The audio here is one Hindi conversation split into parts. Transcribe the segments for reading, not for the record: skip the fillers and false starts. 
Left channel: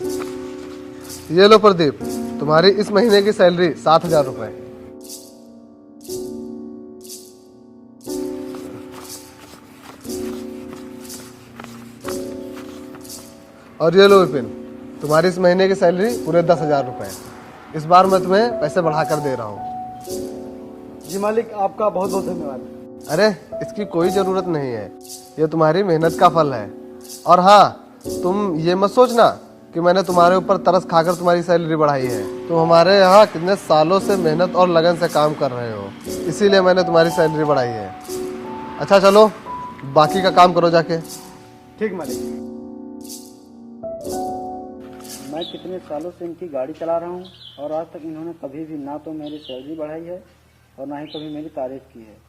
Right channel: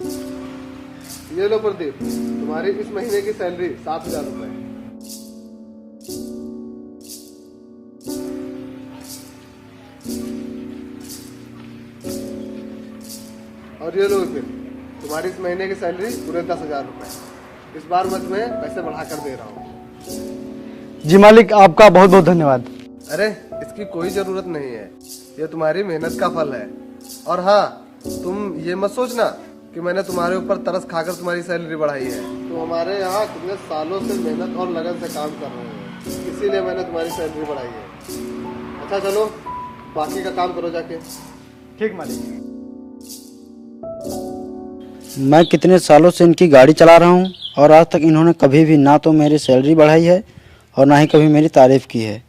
ये लो प्रदीप, तुम्हारी इस महीने की सैलरी 7,000 रुपए। और ये लो विपिन, तुम्हारी इस महीने की सैलरी पूरे 10,000 रुपए। इस बार मैं तुम्हें पैसे बढ़ा कर दे रहा हूँ। जी मालिक, आपका बहुत बहुत धन्यवाद। अरे इसकी कोई जरूरत नहीं है, ये तुम्हारी मेहनत का फल है। और हाँ, तुम ये मत सोचना कि मैंने तुम्हारे ऊपर तरस खाकर तुम्हारी सैलरी बढ़ाई है। तुम हमारे यहाँ कितने सालों से मेहनत और लगन से काम कर रहे हो, इसीलिए मैंने तुम्हारी सैलरी बढ़ाई है। अच्छा चलो, बाकी का काम करो जाके। ठीक मालिक। मैं कितने सालों से इनकी गाड़ी चला रहा हूँ और आज तक इन्होंने कभी भी ना तो मेरी सैलरी बढ़ाई है और ना ही कभी मेरी तारीफ की है।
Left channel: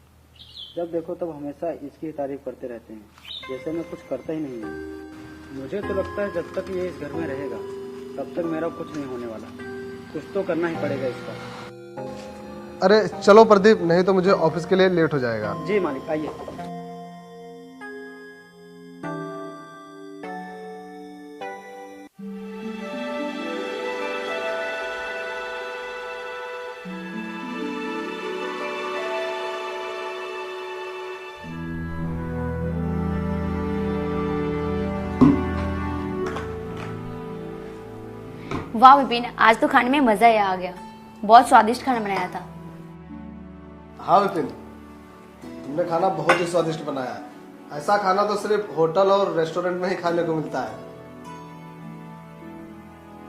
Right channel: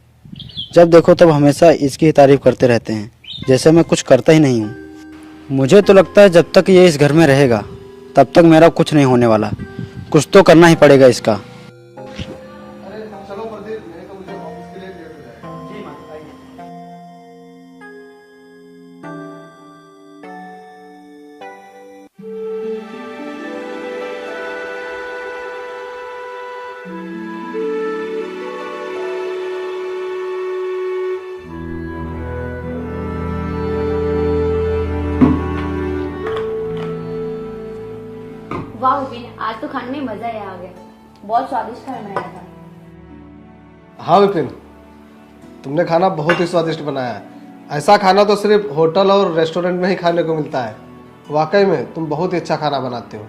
जब देखो तब हमेशा इसकी ही तारीफ करते रहते हैं, जैसे मैं कुछ करता ही नहीं हूँ। मुझे तो लगता है जब तक ये इस घर में रहेगा तब तक मेरा कुछ नहीं होने वाला। कुछ तो करना ही पड़ेगा इसका। अरे चलो प्रदीप, नहीं तो मुझे ऑफिस के लिए लेट हो जाएगा। जी मालिक, आइए। वाह विपिन, आज तो खाने में मजा ही आ गया। बहुत स्वादिष्ट खाना बनाया था। हाँ विपिन, तुमने खाना बहुत ही स्वादिष्ट बनाया है। ऐसा खाना तो सिर्फ होटल और रेस्टोरेंट में ही खाने को मिलता है। वाकई में तुम बहुत ही अच्छा खाना बनाते हो।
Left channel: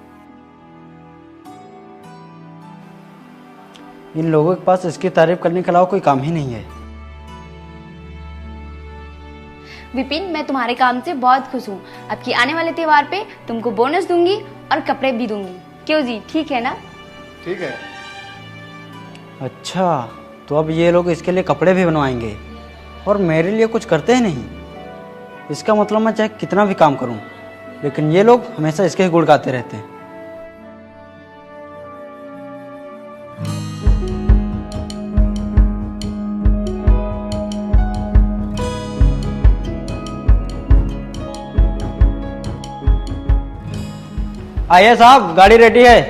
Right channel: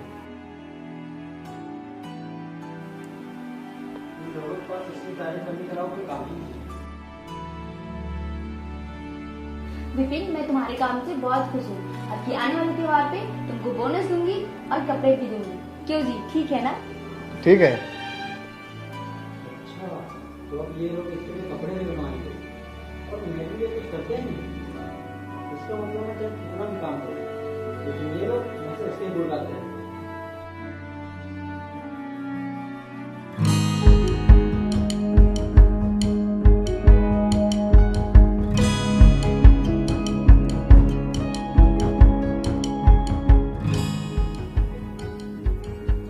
इन लोगों के पास इसकी तारीफ करने के अलावा कोई काम ही नहीं है। विपिन, मैं तुम्हारे काम से बहुत खुश हूँ। अब की आने वाले त्योहार पे तुमको बोनस दूंगी और कपड़े भी दूंगी। क्यों जी, ठीक है ना? ठीक है। अच्छा, तो अब ये लोग इसके लिए कपड़े भी बनवाएंगे और मेरे लिए कुछ करते ही नहीं। इसका मतलब मैं चाहे कितना भी काम करूं, लेकिन ये लोग हमेशा इसके ही गुण गाते रहते हैं। आइए साहब, गाड़ी रेडी है।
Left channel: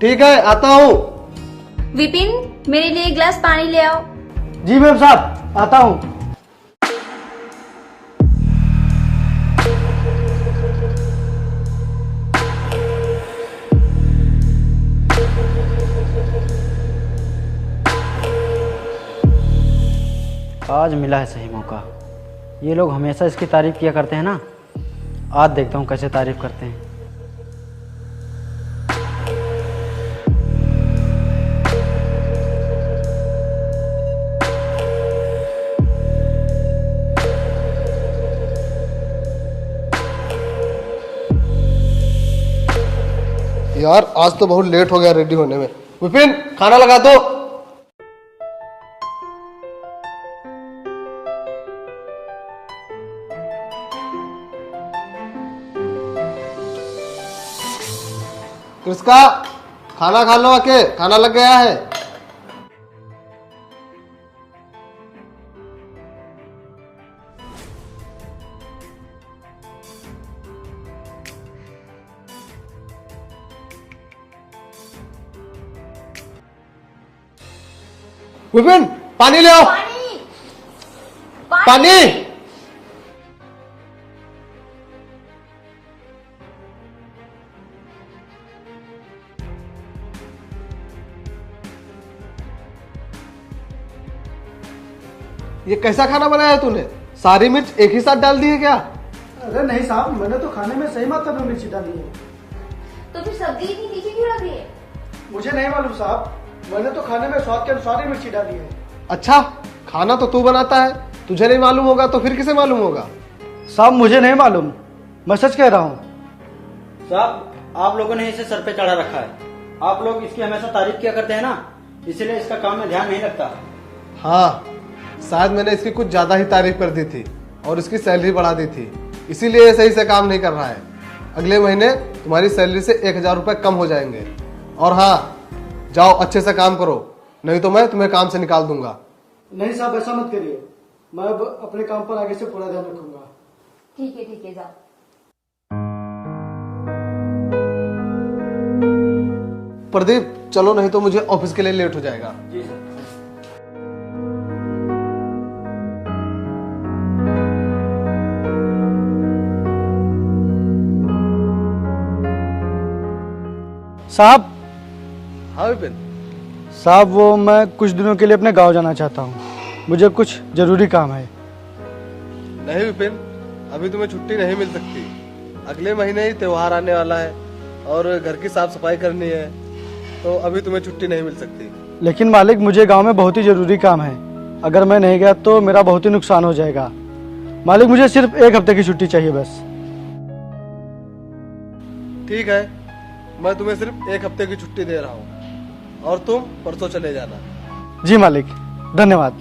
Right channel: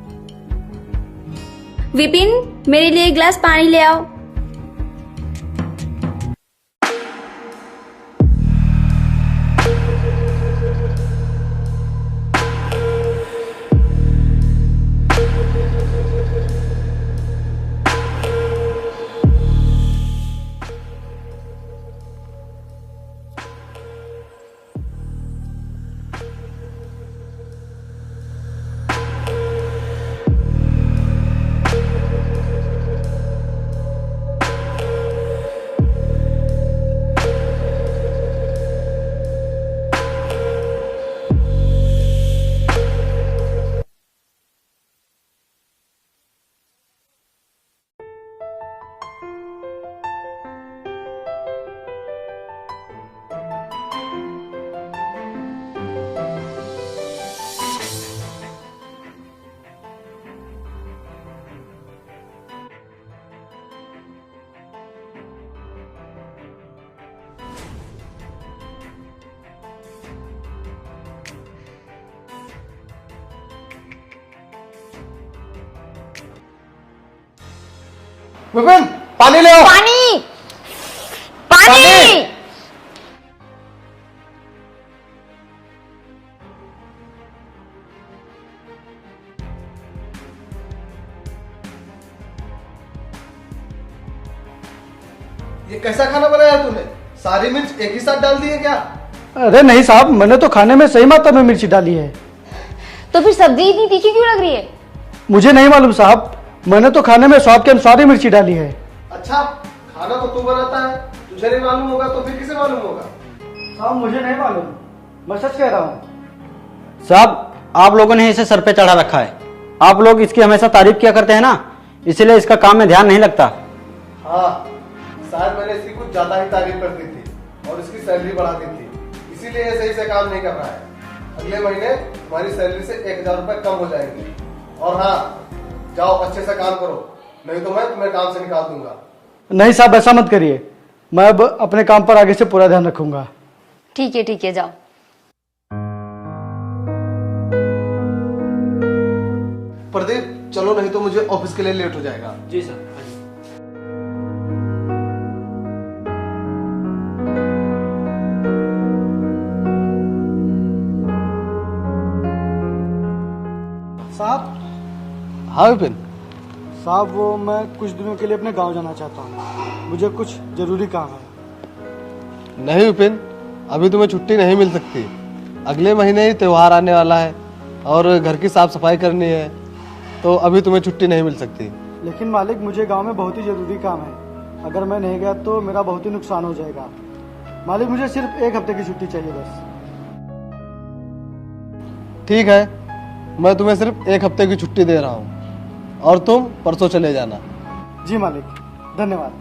ठीक है, आता हूँ। विपिन, मेरे लिए एक गिलास पानी ले आओ। जी मैम साहब, आता हूँ। आज मिला है सही मौका। ये लोग हमेशा इसकी तारीफ किया करते हैं ना, आज देखता हूँ कैसे तारीफ करते हैं। यार आज तो बहुत लेट हो गया रेडी होने में। विपिन, खाना लगा दो। कृष्का, खाना खा लो आके, खाना लग गया है। विपिन, पानी ले आओ। पानी, पानी। ये कैसा खाना बनाया तूने? सारी मिर्च एक ही साथ डाल दी है क्या? अरे नहीं साहब, मैंने तो खाने में सही मात्रा में मिर्ची डाली है। तो फिर सब्जी इतनी तीखी क्यों लग रही है? मुझे नहीं मालूम साहब, मैंने तो खाने में स्वाद के अनुसार ही मिर्ची डाली है। अच्छा, खाना तो तू बनाता है, तुझे नहीं मालूम होगा तो फिर किसे मालूम होगा? साहब मुझे नहीं मालूम, मैं सच कह रहा हूँ। साहब, आप लोगों ने इसे सर पे चढ़ा रखा है। आप लोग इसकी हमेशा तारीफ किया करते हैं ना, इसीलिए इसका काम में ध्यान नहीं लगता। हाँ, शायद मैंने इसकी कुछ ज्यादा ही तारीफ कर दी थी और इसकी सैलरी बढ़ा दी थी, इसीलिए ये सही से काम नहीं कर रहा है। अगले महीने तुम्हारी सैलरी से 1,000 रुपए कम हो जाएंगे। और हाँ, जाओ अच्छे से काम करो, नहीं तो मैं तुम्हें काम से निकाल दूंगा। नहीं साहब, ऐसा मत करिए, मैं अब अपने काम पर आगे से पूरा ध्यान रखूंगा। ठीक है, जाओ। प्रदीप चलो, नहीं तो मुझे ऑफिस के लिए लेट हो जाएगा। जी सर। साहब हाँ विपिन। साहब वो मैं कुछ दिनों के लिए अपने गांव जाना चाहता हूँ, मुझे कुछ जरूरी काम है। नहीं विपिन, अभी तुम्हें छुट्टी नहीं मिल सकती। अगले महीने ही त्योहार आने वाला है और घर की साफ सफाई करनी है, तो अभी तुम्हें छुट्टी नहीं मिल सकती। लेकिन मालिक मुझे गांव में बहुत ही जरूरी काम है, अगर मैं नहीं गया तो मेरा बहुत ही नुकसान हो जाएगा। मालिक मुझे सिर्फ 1 हफ्ते की छुट्टी चाहिए बस। ठीक है, मैं तुम्हें सिर्फ 1 हफ्ते की छुट्टी दे रहा हूँ और तुम परसों चले जाना। जी मालिक, धन्यवाद।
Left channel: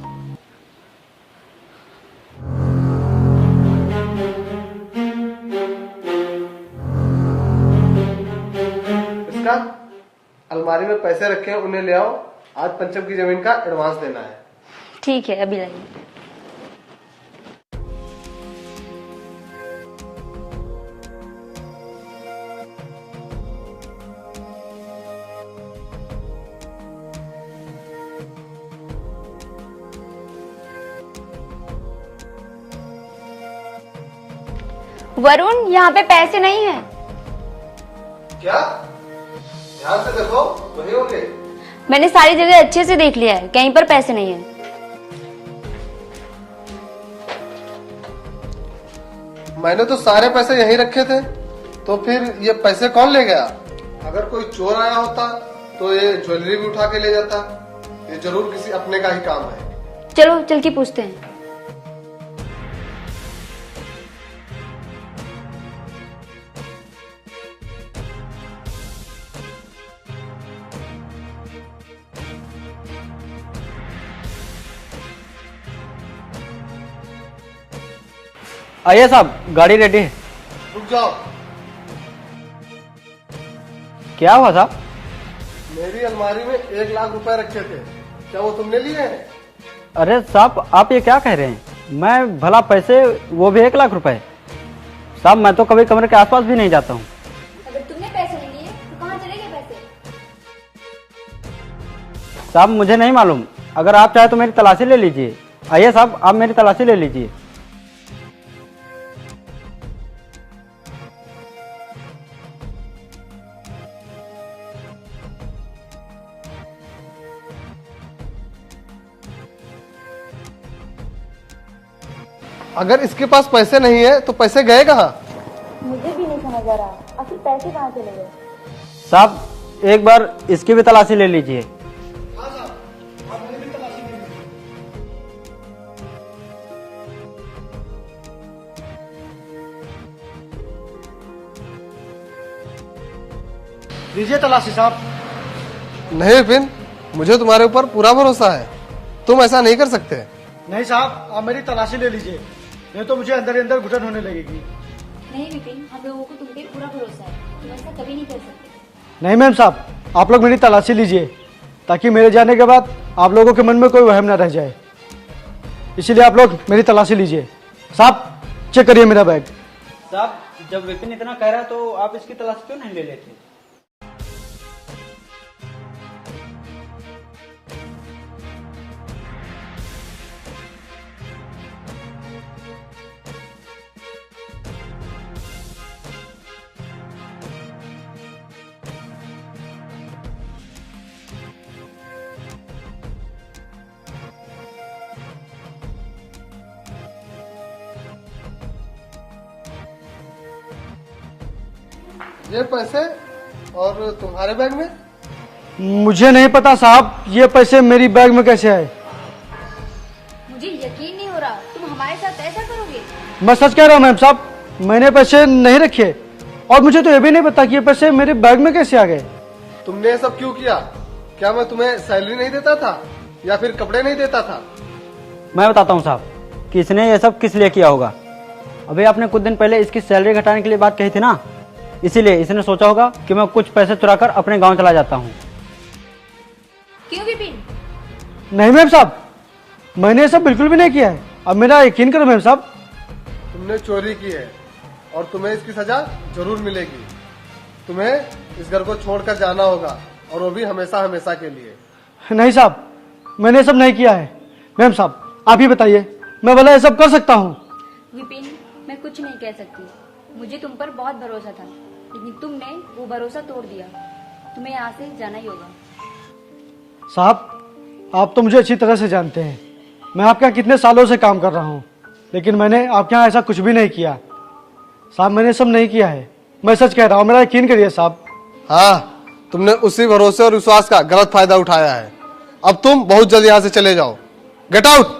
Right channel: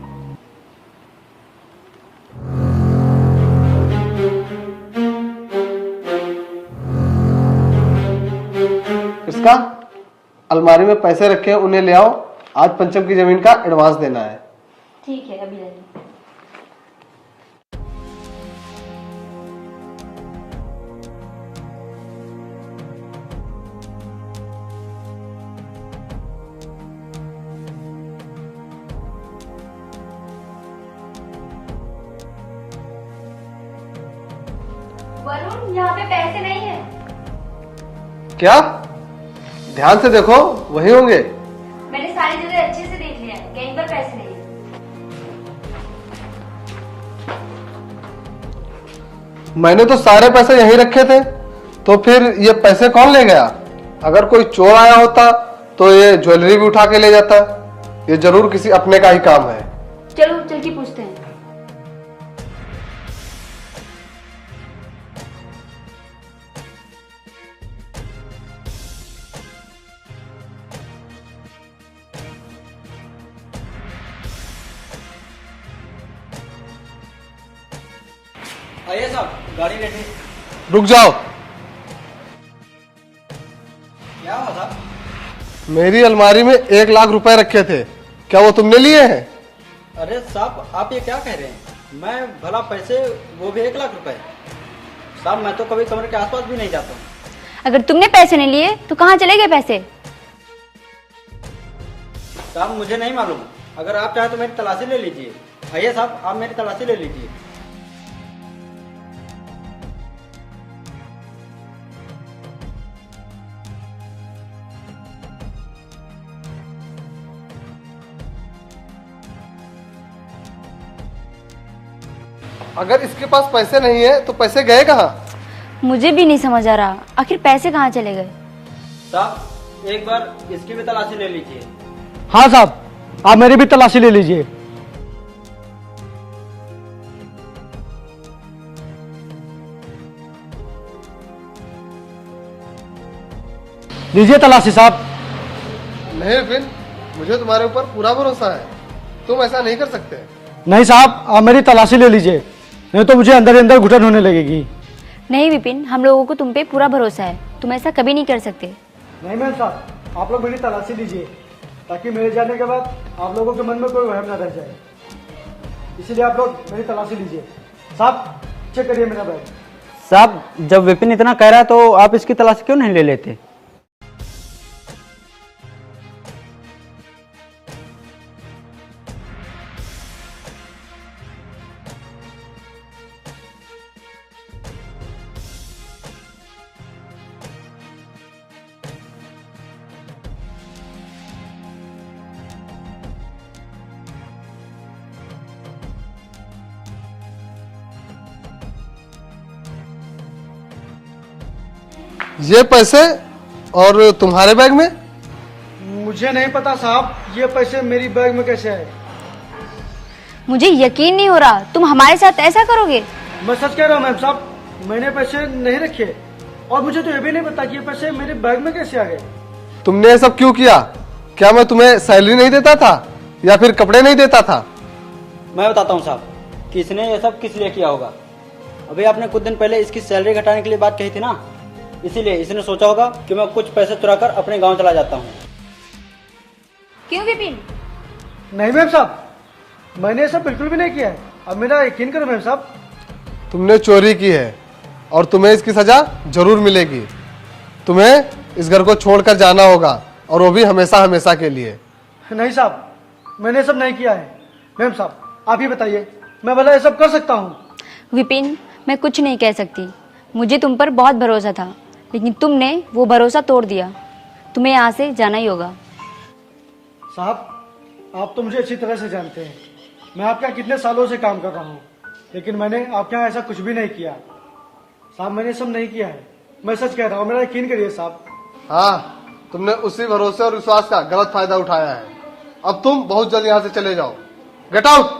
इसका अलमारी में पैसे रखे, उन्हें ले आओ। आज पंचम की जमीन का एडवांस देना है। ठीक है, अभी लाइए। वरुण, यहाँ पे पैसे नहीं है। क्या? ध्यान से देखो, वही होंगे। मैंने सारी जगह अच्छे से देख लिया है, कहीं पर पैसे नहीं है। मैंने तो सारे पैसे यहीं रखे थे, तो फिर ये पैसे कौन ले गया? अगर कोई चोर आया होता तो ये ज्वेलरी भी उठा के ले जाता। ये जरूर किसी अपने का ही काम है। चलो चल के पूछते हैं। आइए साहब, गाड़ी रेडी है। रुक जाओ। क्या हुआ साहब? मेरी अलमारी में 1 लाख रुपए रखे थे, क्या वो तुमने लिए हैं? अरे साहब, आप ये क्या कह रहे हैं? मैं भला पैसे, वो भी 1 लाख रुपए? साहब मैं तो कभी कमरे के आसपास भी नहीं जाता हूँ। अगर तुमने पैसे नहीं लिए तो कहाँ चले गए पैसे? साहब मुझे नहीं मालूम, अगर आप चाहे तो मेरी तलाशी ले लीजिए। आइए साहब, आप मेरी तलाशी ले लीजिए। अगर इसके पास पैसे नहीं है तो पैसे गए कहाँ? मुझे भी नहीं समझ आ रहा, आखिर पैसे कहाँ चले गए? साहब एक बार इसकी भी तलाशी ले लीजिए। हाँ साहब, आप मेरी भी तलाशी ले लीजिए। लीजिए तलाशी साहब। नहीं विपिन, मुझे तुम्हारे ऊपर पूरा भरोसा है, तुम ऐसा नहीं कर सकते। नहीं साहब, आप मेरी तलाशी ले लीजिए, नहीं तो मुझे अंदर ही अंदर घुटन होने लगेगी। नहीं विपिन, हम लोगों को तुम पे पूरा भरोसा है, तुम ऐसा कभी नहीं कर सकते। नहीं मैम साहब, आप लोग मेरी तलाशी लीजिए, ताकि मेरे जाने के बाद आप लोगों के मन में कोई वहम न रह जाए। इसीलिए आप लोग मेरी तलाशी लीजिए। साहब चेक करिए मेरा बैग। साहब जब विपिन इतना कह रहा है तो आप इसकी तलाशी क्यों नहीं ले लेते? ये पैसे और तुम्हारे बैग में? मुझे नहीं पता साहब, ये पैसे मेरी बैग में कैसे आए। मुझे यकीन नहीं हो रहा, तुम हमारे साथ ऐसा करोगे? मैं सच कह रहा हूँ मैम साहब, मैंने पैसे नहीं रखे और मुझे तो ये भी नहीं पता कि ये पैसे मेरे बैग में कैसे आ गए। तुमने ये सब क्यों किया? क्या मैं तुम्हें सैलरी नहीं देता था या फिर कपड़े नहीं देता था? मैं बताता हूँ साहब कि इसने ये सब किस लिए किया होगा। अभी आपने कुछ दिन पहले इसकी सैलरी घटाने के लिए बात कही थी ना, इसीलिए इसने सोचा होगा कि मैं कुछ पैसे चुराकर अपने गांव चला जाता हूँ। क्यों विपिन? नहीं मैम साहब, मैंने ये सब बिल्कुल भी नहीं किया है, अब मेरा यकीन करो मैम साहब। तुमने चोरी की है और तुम्हें इसकी सजा जरूर मिलेगी। तुम्हें इस घर को छोड़कर जाना होगा और वो भी हमेशा हमेशा के लिए। नहीं साहब, मैंने सब नहीं किया है। मैम साहब आप ही बताइए, मैं भला ये सब कर सकता हूँ? विपिन, मैं कुछ नहीं कह सकती। मुझे तुम पर बहुत भरोसा था, लेकिन तुमने वो भरोसा तोड़ दिया। तुम्हें यहाँ से जाना ही होगा। साहब आप तो मुझे अच्छी तरह से जानते हैं, मैं आपके यहाँ कितने सालों से काम कर रहा हूँ, लेकिन मैंने आपके यहाँ ऐसा कुछ भी नहीं किया। साहब मैंने सब नहीं किया है, मैं सच कह रहा हूँ, मेरा यकीन करिए साहब। हाँ, तुमने उसी भरोसे और विश्वास का गलत फायदा उठाया है। अब तुम बहुत जल्द यहाँ से चले जाओ। Get out.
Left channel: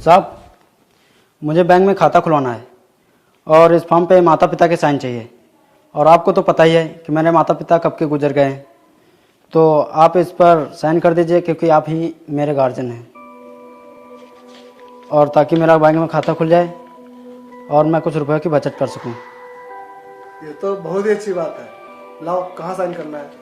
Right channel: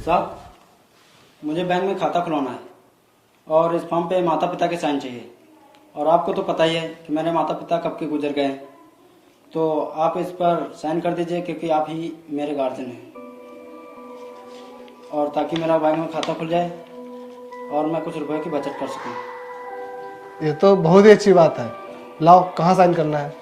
साहब, मुझे बैंक में खाता खुलवाना है और इस फॉर्म पे माता पिता के साइन चाहिए। और आपको तो पता ही है कि मेरे माता पिता कब के गुजर गए हैं, तो आप इस पर साइन कर दीजिए क्योंकि आप ही मेरे गार्जियन हैं, और ताकि मेरा बैंक में खाता खुल जाए और मैं कुछ रुपए की बचत कर सकूं। ये तो बहुत ही अच्छी बात है। लाओ, कहाँ साइन करना है?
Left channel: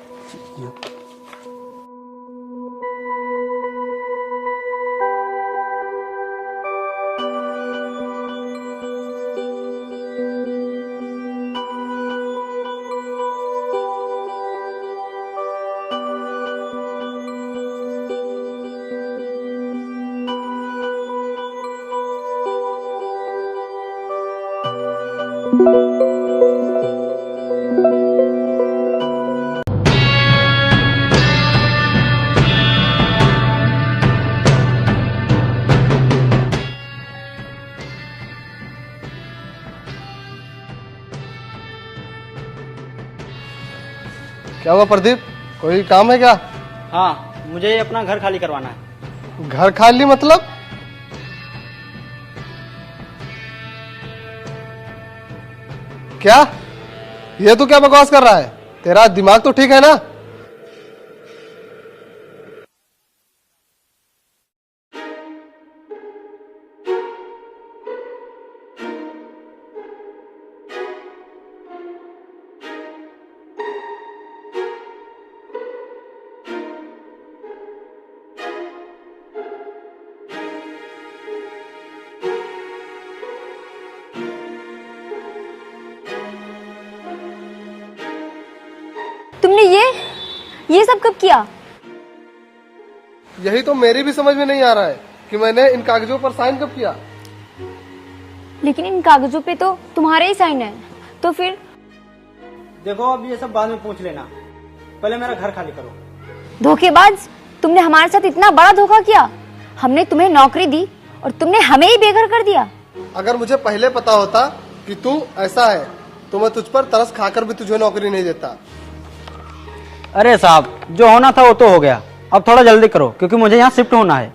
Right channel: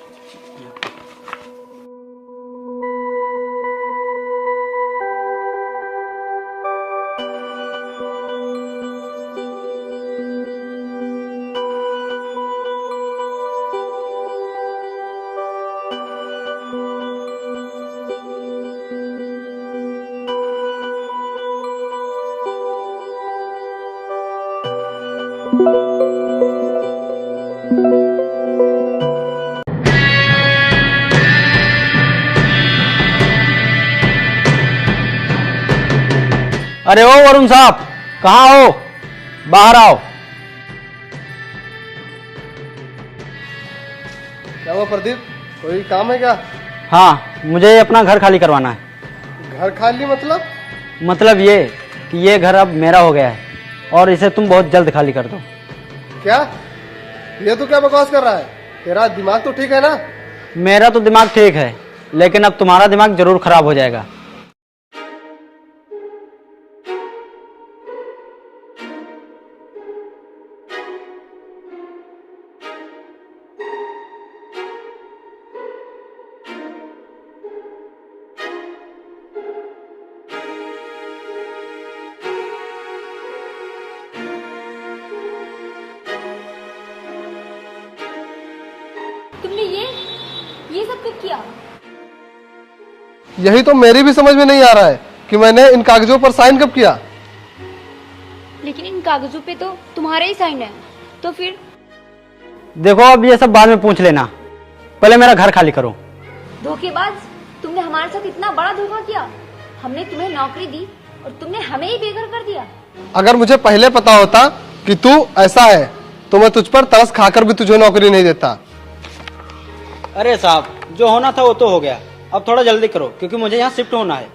अरे ओ वरुण साहब, कहाँ हो? बाहर आओ। क्या हुआ प्रदीप, कोई काम है क्या? हाँ, मुझे अपना घर खाली करवाना है। घर खाली मतलब? मतलब ये कि ये घर अब मेरा हो गया है और इसे तुम बहुत जल्द खाली कर दो। क्या? ये तो क्या बकवास कर रहा है? तेरा दिमाग तो ठीक है ना? मेरा तो दिमाग ठीक है, लेकिन अब तुम्हारा दिमाग जरूर खराब हो जाएगा। तुमने ये सब कब किया? यही तो मेरी भी समझ में नहीं आ रहा है कि मैंने इन कागजों पर साइन कब किया। लेकिन इन कागजों पे तो तुम्हारे ही साइन है, तो फिर? देखो, अब ये सब बाद में पूछ लेना, पहले मेरा घर खाली करो। धोखेबाज, तुमने हमारे साथ इतना बड़ा धोखा किया। हमने तुम्हें नौकरी दी और तुमने हमें ही बेघर कर दिया। अगर मुझे पहले पता होता कि तू ऐसा है तो मैं तुझ पर तरस खाकर भी तुझे नौकरी नहीं देता। अरे साहब, जो होना था वो तो हो गया, अब थोड़ा जल्दी करो क्योंकि मुझे यहाँ शिफ्ट होना है।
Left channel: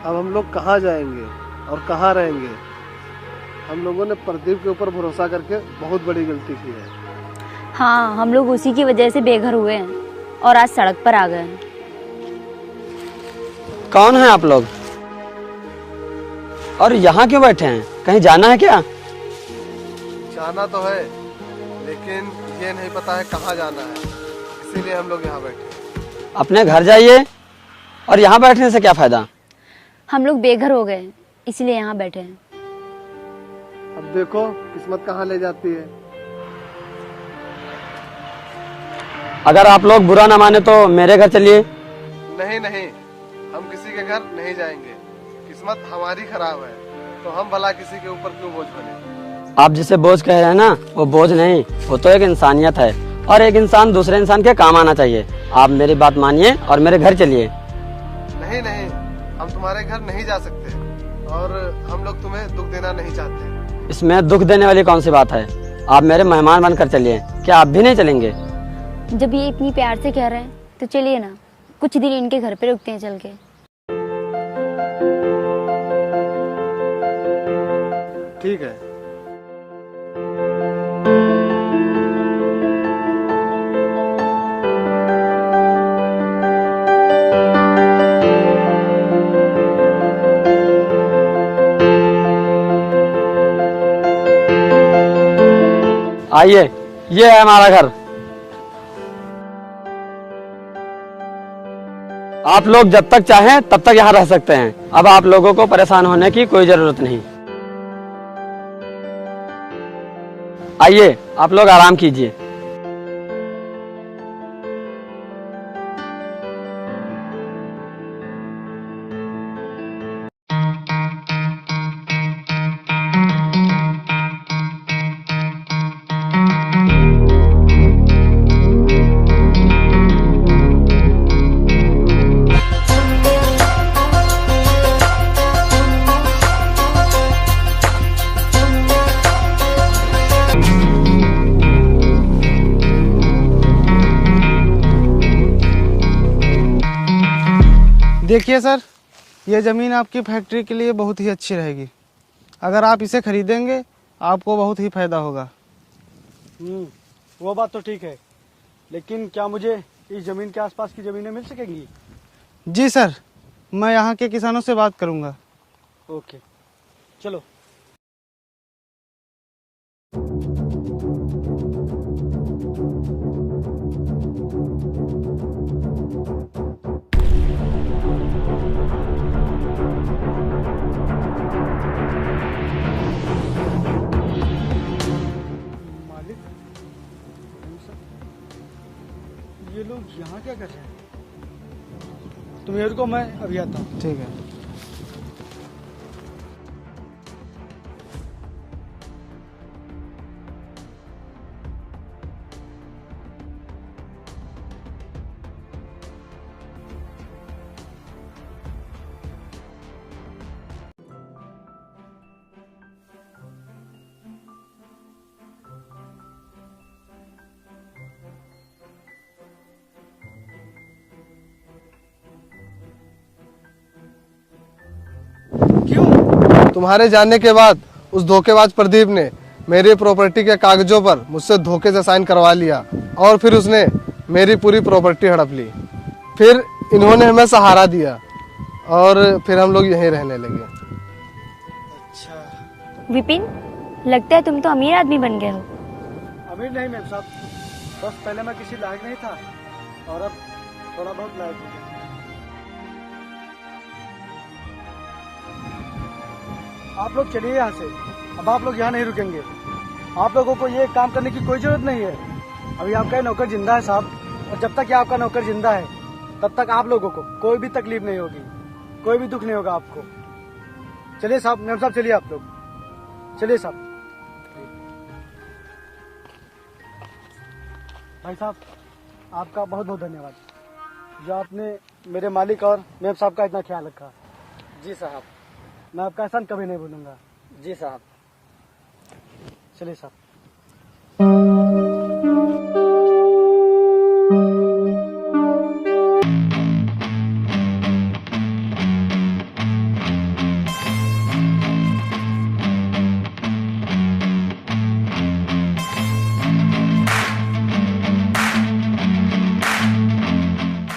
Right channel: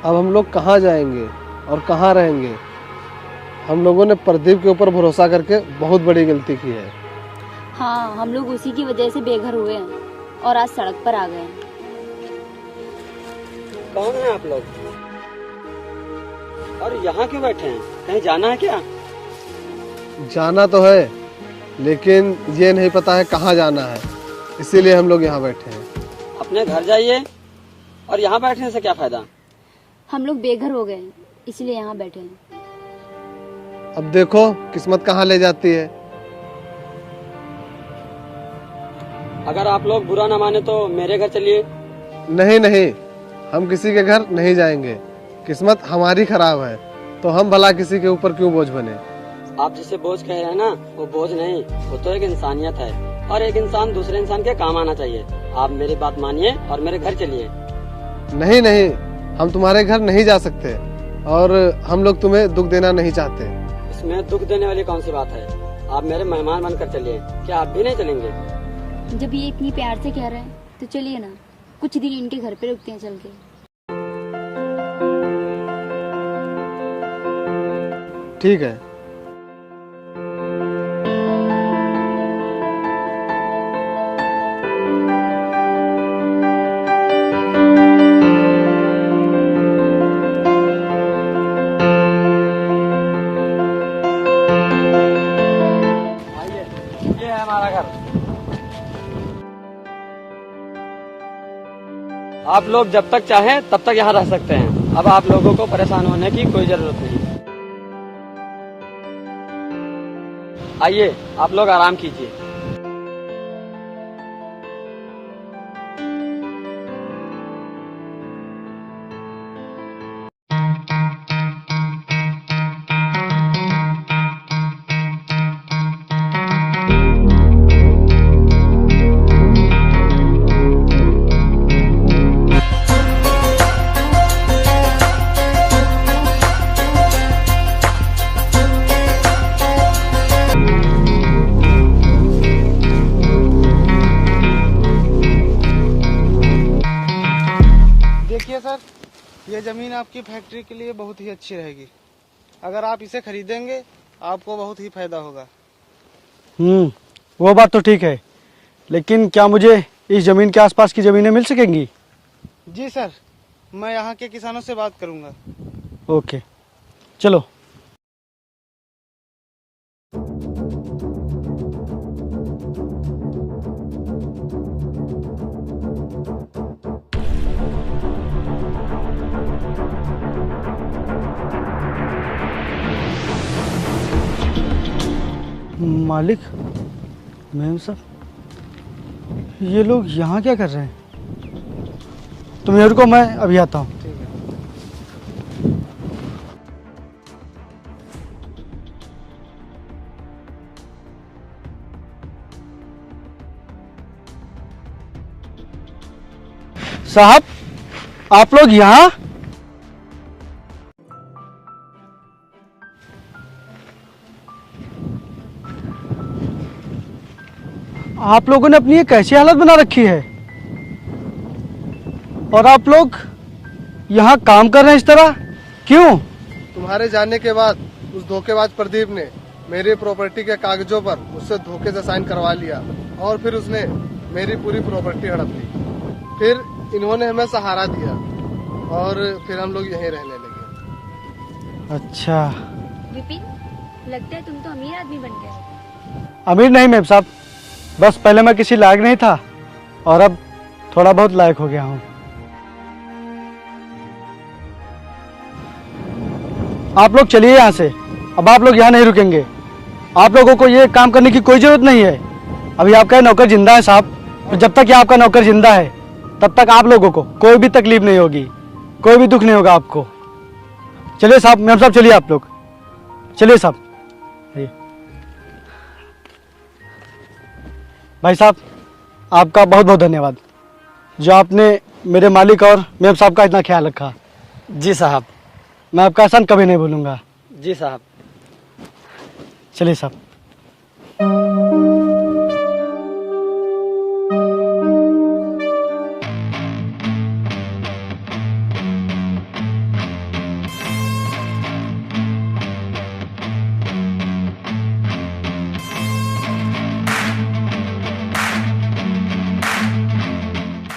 अब हम लोग कहाँ जाएंगे और कहाँ रहेंगे? हम लोगों ने प्रदीप के ऊपर भरोसा करके बहुत बड़ी गलती की है। हाँ, हम लोग उसी की वजह से बेघर हुए हैं और आज सड़क पर आ गए हैं। कौन है आप लोग और यहाँ क्यों बैठे हैं? कहीं जाना है क्या? जाना तो है, लेकिन ये नहीं पता है कहाँ जाना है, इसीलिए हम लोग यहाँ बैठे हैं। अपने घर जाइए, और यहाँ बैठने से क्या फायदा? हम लोग बेघर हो गए इसलिए यहाँ बैठे हैं। अब देखो किस्मत कहाँ ले जाती है। अगर आप लोग बुरा ना माने तो मेरे घर चलिए। नहीं नहीं, हम किसी के घर नहीं जाएंगे। किस्मत हमारी खराब है, तो हम भला किसी के ऊपर क्यों बोझ बने। आप जिसे बोझ कह रहे हैं ना, वो बोझ नहीं, वो तो एक इंसानियत है, और एक इंसान दूसरे इंसान के काम आना चाहिए। आप मेरी बात मानिए और मेरे घर चलिए। नहीं नहीं, हम तुम्हारे घर नहीं जा सकते और हम लोग तुम्हें दुख देना नहीं चाहते। इसमें दुख देने वाली कौन सी बात है? आप मेरे मेहमान बनकर चलिए। क्या आप भी नहीं चलेंगे? जब ये इतनी प्यार से कह रहे हैं तो चलिए ना, कुछ दिन इनके घर पे रुकते हैं चल के। ठीक है। आइए, ये है हमारा घर। आप लोग जब तक चाहें तब तक यहाँ रह सकते हैं। अब आप लोगों को परेशान होने की कोई जरूरत नहीं। आइए, आप लोग आराम कीजिए। देखिए सर, ये ज़मीन आपकी फैक्ट्री के लिए बहुत ही अच्छी रहेगी। अगर आप इसे खरीदेंगे आपको बहुत ही फायदा होगा। वो बात तो ठीक है, लेकिन क्या मुझे इस ज़मीन के आसपास की ज़मीनें मिल सकेंगी? जी सर, मैं यहाँ के किसानों से बात करूँगा। ओके, चलो। मालिक, मैम साहब, ये लोग यहाँ क्या कर रहे हैं? तुम ये रुको, मैं अभी आता हूँ। ठीक है। साहब, आप लोग यहाँ? आप लोगों ने अपनी ये कैसी हालत बना रखी है? और आप लोग यहाँ काम कर रहे हैं इस तरह, क्यों? तुम्हारे जाने के बाद उस धोखेबाज प्रदीप ने मेरी प्रॉपर्टी के कागजों पर मुझसे धोखे से साइन करवा लिया और फिर उसने मेरी पूरी प्रॉपर्टी हड़प ली। फिर इन्होंने हमें सहारा दिया और फिर हम लोग यहीं रहने लगे। अच्छा। विपिन, लगता है तुम तो अमीर आदमी बन गए हो। अमीर नहीं मैम साहब, बस पहले मैं किसी लायक नहीं था और अब थोड़ा बहुत लायक हो गया हूँ। आप लोग चलिए यहाँ से, अब आप लोग यहाँ नहीं रुकेंगे। आप लोगों को ये काम करने की कोई जरूरत नहीं है। अभी आपका नौकर जिंदा है साहब, और जब तक ये आपका नौकर जिंदा है तब तक आप लोगों को कोई भी तकलीफ नहीं होगी, कोई भी दुख नहीं होगा आपको। चलिए साहब, मैम साहब चलिए, आप लोग चलिए साहब। भाई साहब, आपका बहुत बहुत धन्यवाद जो आपने मेरे मालिक और मैम साहब का इतना ख्याल रखा। जी साहब। मैं आपका एहसान कभी नहीं भूलूंगा। जी साहब। चलिए साहब।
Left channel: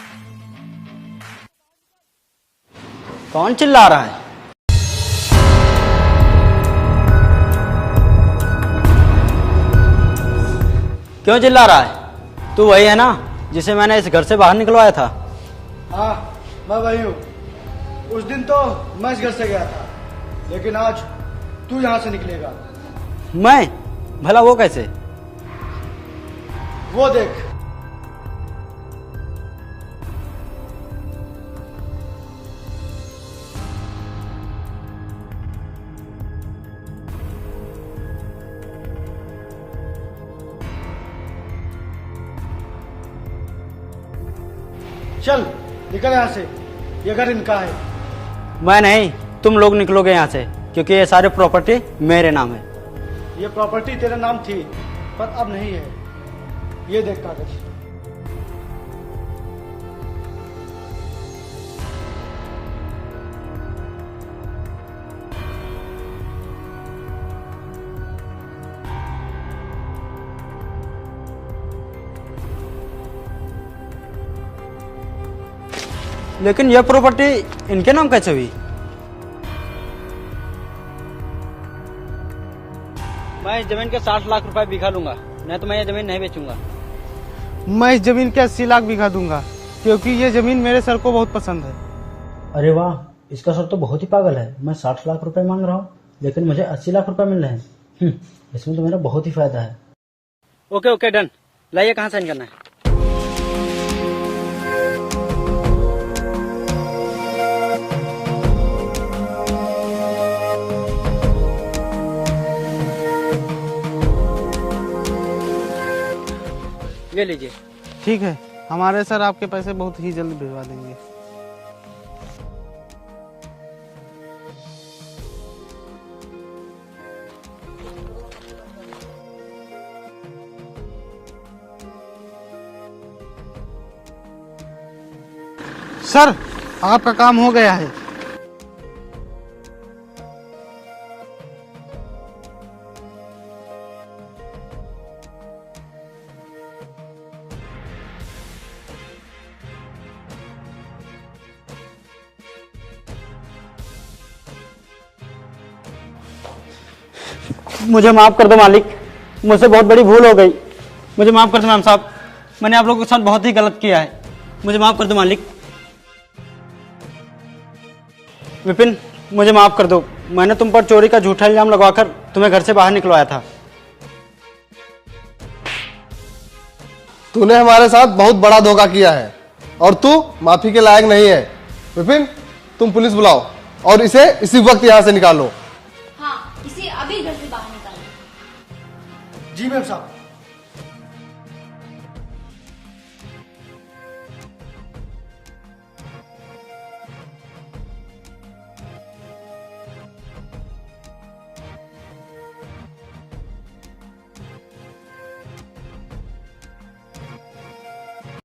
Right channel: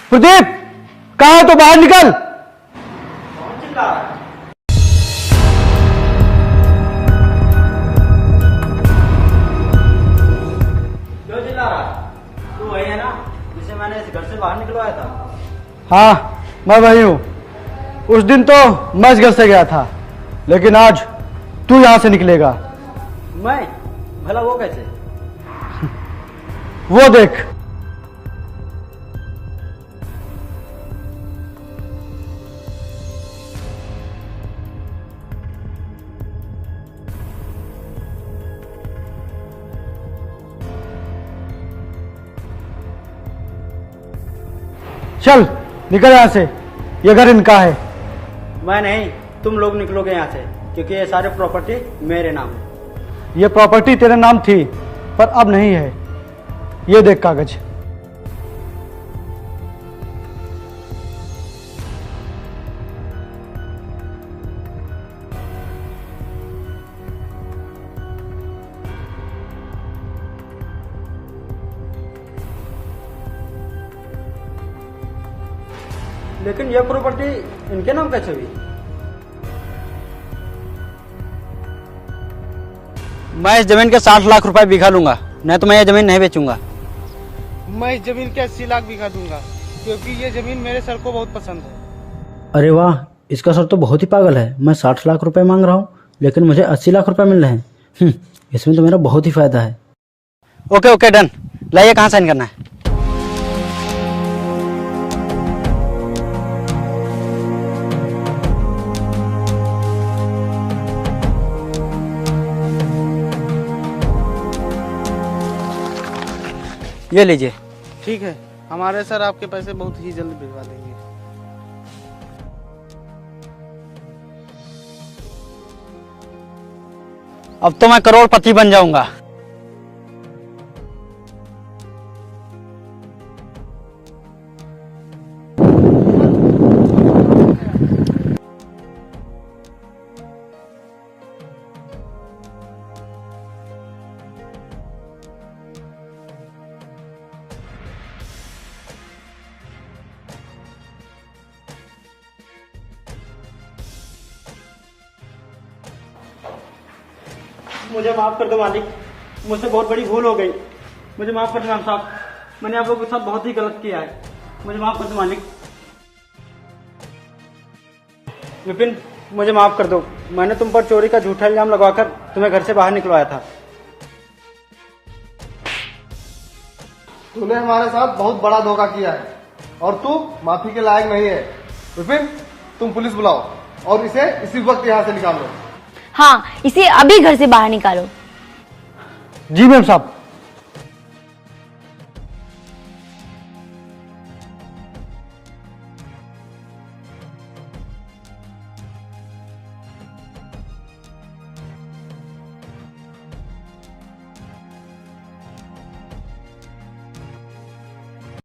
प्रदीप, कहाँ है? तो बाहर निकल। कौन चिल्ला रहा है? क्यों चिल्ला रहा है? तू वही है ना जिसे मैंने इस घर से बाहर निकलवाया था? हाँ, मैं वही हूँ। उस दिन तो मैं इस घर से गया था, लेकिन आज तू यहाँ से निकलेगा। मैं? भला वो कैसे? वो देख। चल निकल यहाँ से, ये घर इनका है। मैं नहीं, तुम लोग निकलोगे यहाँ से, क्योंकि ये सारे प्रॉपर्टी मेरे नाम है। ये प्रॉपर्टी तेरे नाम थी पर अब नहीं है। ये देख कागज। लेकिन यह प्रॉपर्टी इनके नाम कैसे हुई? मैं इस जमीन के 60 लाख रुपए बीघा लूंगा, नहीं तो मैं ये जमीन नहीं बेचूंगा। मैं इस जमीन के 80 लाख बीघा दूंगा, क्योंकि ये जमीन मेरे सर को बहुत पसंद है। अरे वाह, इसका सर तो बहुत ही पागल है। मैं 60 लाख रुपए मांग रहा हूँ, लेकिन मुझे 80 लाख रुपए मिल रहे हैं। इसमें तो मेरा बहुत ही फायदा है। Okay okay done. लाइए, कहाँ साइन करना है? ये लीजिए। ठीक है, हमारे सर आपके पैसे बहुत ही जल्द भिजवा देंगे। अब तो मैं करोड़पति बन जाऊंगा। सर आपका काम हो गया है। मुझे माफ कर दो मालिक, मुझसे बहुत बड़ी भूल हो गई। मुझे माफ कर दो मैम साहब, मैंने आप लोगों के साथ बहुत ही गलत किया है। मुझे माफ कर दो मालिक। विपिन, मुझे माफ कर दो। मैंने तुम पर चोरी का झूठा इल्जाम लगवाकर तुम्हें घर से बाहर निकलवाया था। तूने हमारे साथ बहुत बड़ा धोखा किया है और तू माफी के लायक नहीं है। विपिन, तुम पुलिस बुलाओ और इसे इसी वक्त यहाँ से निकालो। हाँ, इसे अभी घर से बाहर निकालो। जी मैम साहब।